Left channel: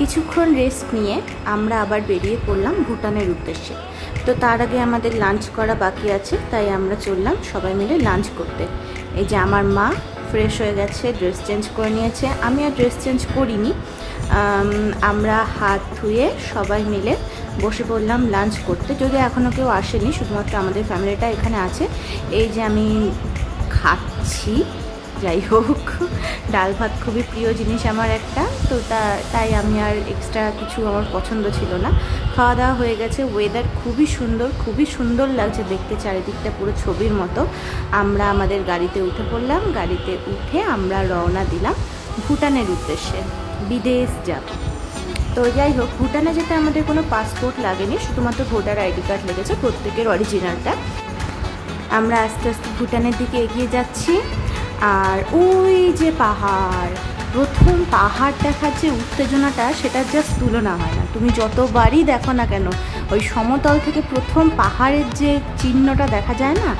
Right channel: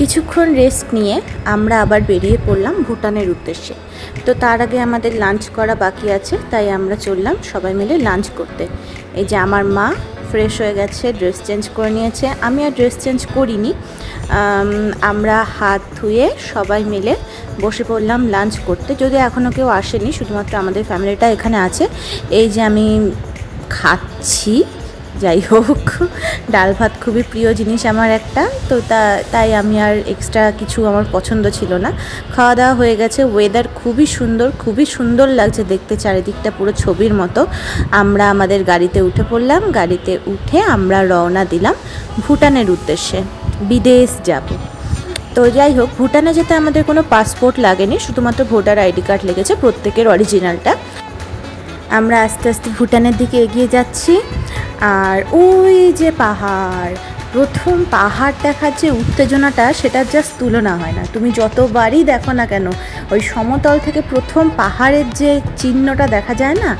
কিছুক্ষণ রেস্ট নিয়ে আমরা আবার বেরিয়ে পড়লাম ভুটানের উদ্দেশ্যে। তো তার আগে আমাদের লাঞ্চ করা বাকি আছে, তাই আমরা চললাম সবাই মিলে লাঞ্চ করতে। এই যে আমার মা ফ্রেশ হয়ে গেছে, ড্রেস চেঞ্জ করে নিয়েছে, আমি আর ড্রেস চেঞ্জ করিনি। আমরা হাত ধুয়ে সবাই মিলে বসে পড়লাম লাঞ্চ করতে। যদি এখনও কেউ আসেনি, শুধুমাত্র আমাদের ফ্যামিলিটা এখানে আছে। এই যে আমি খাচ্ছি, যাই হোক ডাল ভাত খুবই প্রিয় জিনিস আমার একটা, তো তাই আমি আর এক্সট্রা কিছু আমার পছন্দ ছিল না। খাওয়া দাওয়া হয়ে গেছে। ওয়েদার খুবই সুন্দর লাগছে দেখতে, চারিদিকটা পুরো ছবির মতো। আমরা আমাদের গাড়িতে উঠে পড়লাম। গাড়িতে উঠে আমরা রওনা দিলাম ভুটানের উদ্দেশ্যে, বিদেশ যাব। তো যাই হোক, ভুটানে যেতে আমাদের কোনো পাসপোর্ট লাগেনি, শুধুমাত্র ভোটার আইডি কার্ড লেগেছে, প্রত্যেকের অরিজিনালটা। আমরা আস্তে আস্তে ভুটানের দিকে এগিয়ে যাচ্ছি। আর ওই যে পাহাড়, প্রথম পাহাড় দেখার যে উত্তেজনাটা, সেটার জাস্ট তুলনা হয় না। তুমি যতবারই দেখো না কেন, ওই সমতল থেকে প্রথম পাহাড়ের যে চিহ্নটা দেখা যায় না,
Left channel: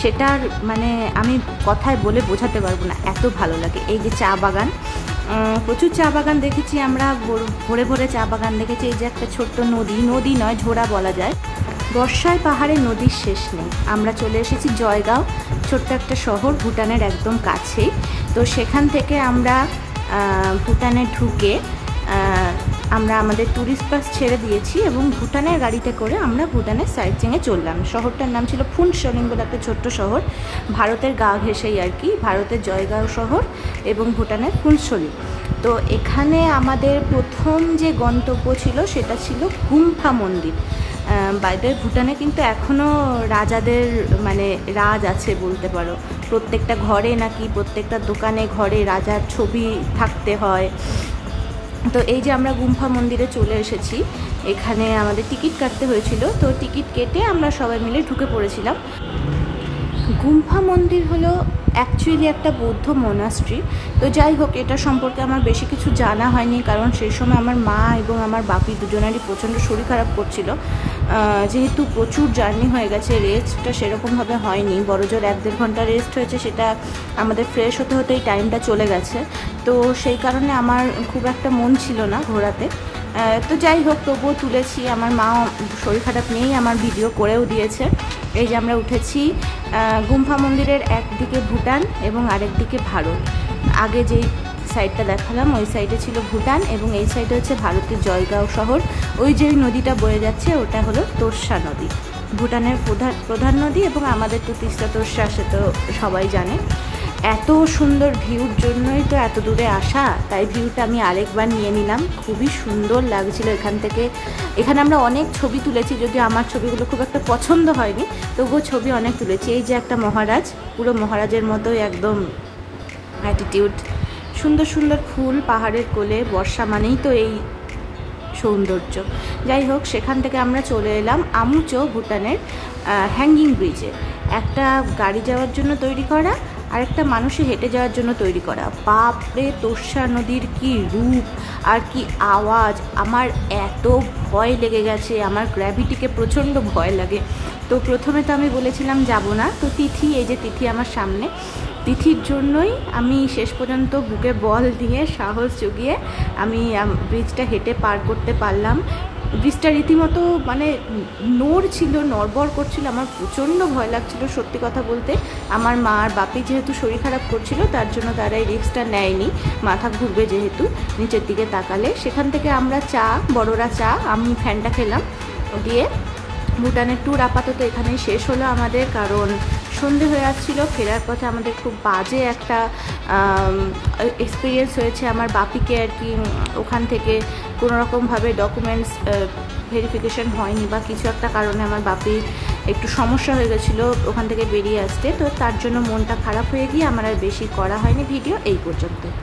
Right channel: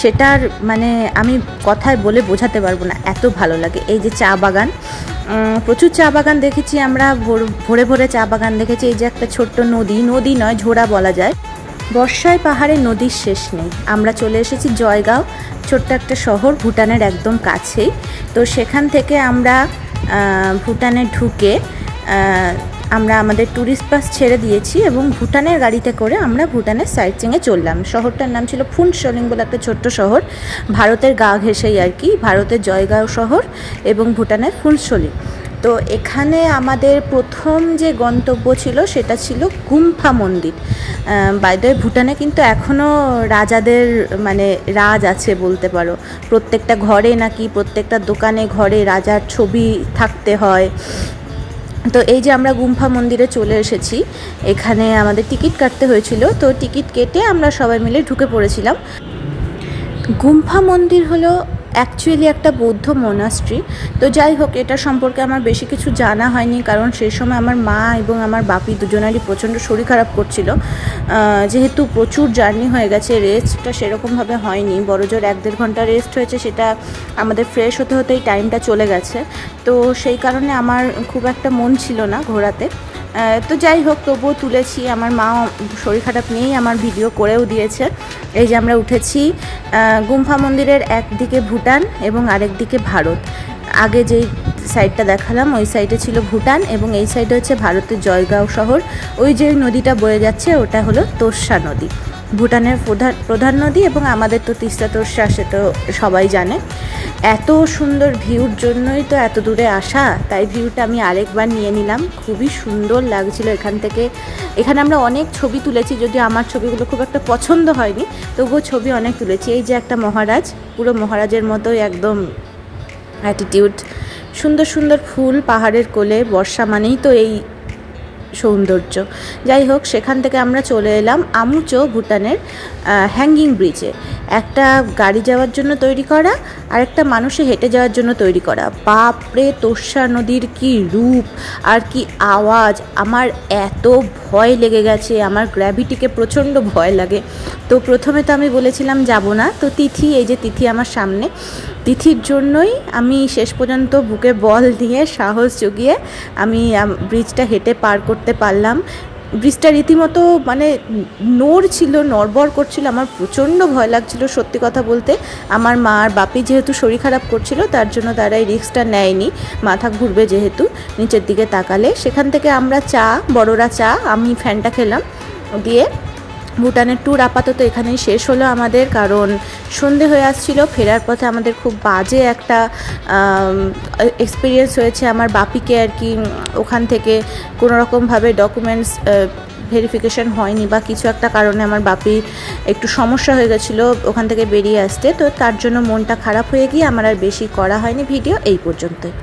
সেটার মানে আমি কথায় বলে বোঝাতে পারবো না, এত ভালো লাগে। এই যে চা বাগান, প্রচুর চা বাগান দেখেছি আমরা, ভোরে ভোরে চা বাগান দেখেছি। এই যে একটা ছোট্ট নদী নয়, ঝোড়া বলা যায়। বর্ষায় পাহাড়ে নদীর শেষ নেই। আমরা চলে এসেছি জয়গাঁও, ছোট্ট একটা শহর, ভুটানের একদম কাছেই। তো সেখান থেকে আমরা ভুটানে ঢুকে আমরা আমাদের ট্যুরিস্ট বাস ছেড়ে দিয়েছি এবং ভুটানের গাড়িতে করে আমরা ভুটানের সাইট সিইংয়ে চললাম। শহরটার নাম ছিল ফুনসলিং বলে একটা ছোট্ট শহর, ভারতের গা ঘেঁষেই আর কি, ভারতের জয়গাঁও শহর এবং ভুটানের ফুনসলিং। তো এখানে আমাদের প্রথম যে গন্তব্য ছিল সেটা ছিল গুম্ফা মন্দির। বাই দ্য ওয়ে, ভুটানে কিন্তু এখনও রাজাদের মানে রাজ আছে বলতে পারো। প্রত্যেকটা ঘরে নাকি, প্রত্যেকটা দোকানে ঘরে রাজার ছবি থাকতে হয়। তো এই যে আমরা গুম্ফা মন্দিরে চলে এসেছি। এখানে আমাদের টিকিট কাটতে হয়েছিল, তো টিকিট কেটে আমরা সবাই মিলে ঢুকে পড়েছিলাম। গুম্ফা মন্দির হলো অ্যাকচুয়ালি একটা বৌদ্ধ মোনাস্ট্রি। তো যাই হোক, এটা সম্পর্কে আমার বেশি কিছু জানা হয়নি, কারণ সেই সময় আমার মা এবং আমার বাপি দুজনারই প্রচণ্ড শরীর খারাপ করছিল। যেহেতু প্রচুর জার্নি হয়ে গেছে, রেস্টটা সেরকমভাবে হয়নি, বড়জোর 1-1.5 ঘন্টা রেস্ট হয়েছে, সেটা আমাদের ফ্রেশ হতে হতেই টাইমটা চলে গেছে। তো সেই কারণে আমার খুব একটা মন ছিল না ঘোরাতে। তো যাই হোক, তবুও তুলেছি। আমার মা শরীর খারাপ নিয়েই আমার ভিডিও করেও দিয়েছে। এই যে আমরা উঠেছি। গুম্ফা মন্দিরের একদিকে ভুটান এবং আরেক দিকে ভারত। আগে যেই সাইডটা দেখালাম ওই সাইডে ছিল ভুটান এবং এই সাইডে হচ্ছে ভারতের জয়গাঁও শহর। ওই যে নদীটা বয়ে যাচ্ছে ওটা হলো তোর্ষা নদী, ভুটানের প্রধান নদী, এবং আমাদের তো তিস্তা তোর্ষা, সে তো সবাই জানে। এত সুন্দর ভিউর জন্যই তো এত দূরে আসা, তাই ভিউটা আমি আরেকবার নিয়ে নিলাম। খুবই সুন্দর লাগছিল এখান থেকে। এখানে আমরা অনেক ছবি তুলেছি, যদিও আমার ছবিগুলো খুব একটা পছন্দ হয়নি, তবুও ছবি অনেক তুলেছি। এই যে একটা মহারাজ, পুরো মহারাজের মতোই একদম অ্যাটিটিউড। সুন্দর সুন্দর ফুল পাহাড়ের কোলে, বর্ষা মানেই তো এই সৌন্দর্য। যাই হোক, সেখান থেকে আমরা চলে এলাম আমুচো, ভুটানের হ্যাঙ্গিং ব্রিজে। একটা গাড়ি যাওয়ার জন্য তৈরি করা, আরেকটা মানুষে হেঁটে যাওয়ার জন্য তৈরি করা। বাপরে, তোর্ষা নদীর কি রূপ আর কি আওয়াজ! আমার এত ভয় লেগে গেছে, আমার গ্র্যাভিটিকে প্রচণ্ড ভয় লাগে। তো প্রথমে তো আমি বলেছিলাম যাব না, তো তিথি, এই যে তিথি আমার সামনে, তিথির জন্যই আমি শেষ পর্যন্ত বুকে বল দিয়ে সাহস জুগিয়ে আমি ব্রিজটা হেঁটে পার করতে পারলাম। ব্রিজটা রীতিমতো মানে নড়বড় করছিল, আমার প্রচণ্ড ভয় লাগছিল সত্যি কথা বলতে। আমার মা আর বাপি যেহেতু শরীর খারাপ করছিল, তার জন্য তারা এই রিস্কটা নেয়নি, মাথা ঘুরবে যেহেতু নিচের দিকে তাকালে। সেখান থেকে আমরা বড়রা চা, আমি ফ্যানটা খেলাম দিয়ে। ভুটানের ট্যুর আপাতত এখানেই শেষ হলো আমাদের, কারণ সন্ধে হয়ে আসছিল। ফেরার পথে আমাদের খুব বাজে একটা এক্সপিরিয়েন্স হয়েছে। আমার বাপিকে আর কি ওখান থেকে কোনোরকমভাবে ডকুমেন্টস ভেরিফিকেশন হয়নি বা কিছু একটা কারণে আমার বাপি একটু সমস্যা হয়ে গেছিলো ওখান থেকে বেরিয়ে আসতে। তো তার জন্য মনটা খারাপ হয়ে গিয়ে আমার আর বেশি করা হয়নি ভিডিও, এই পর্যন্তই।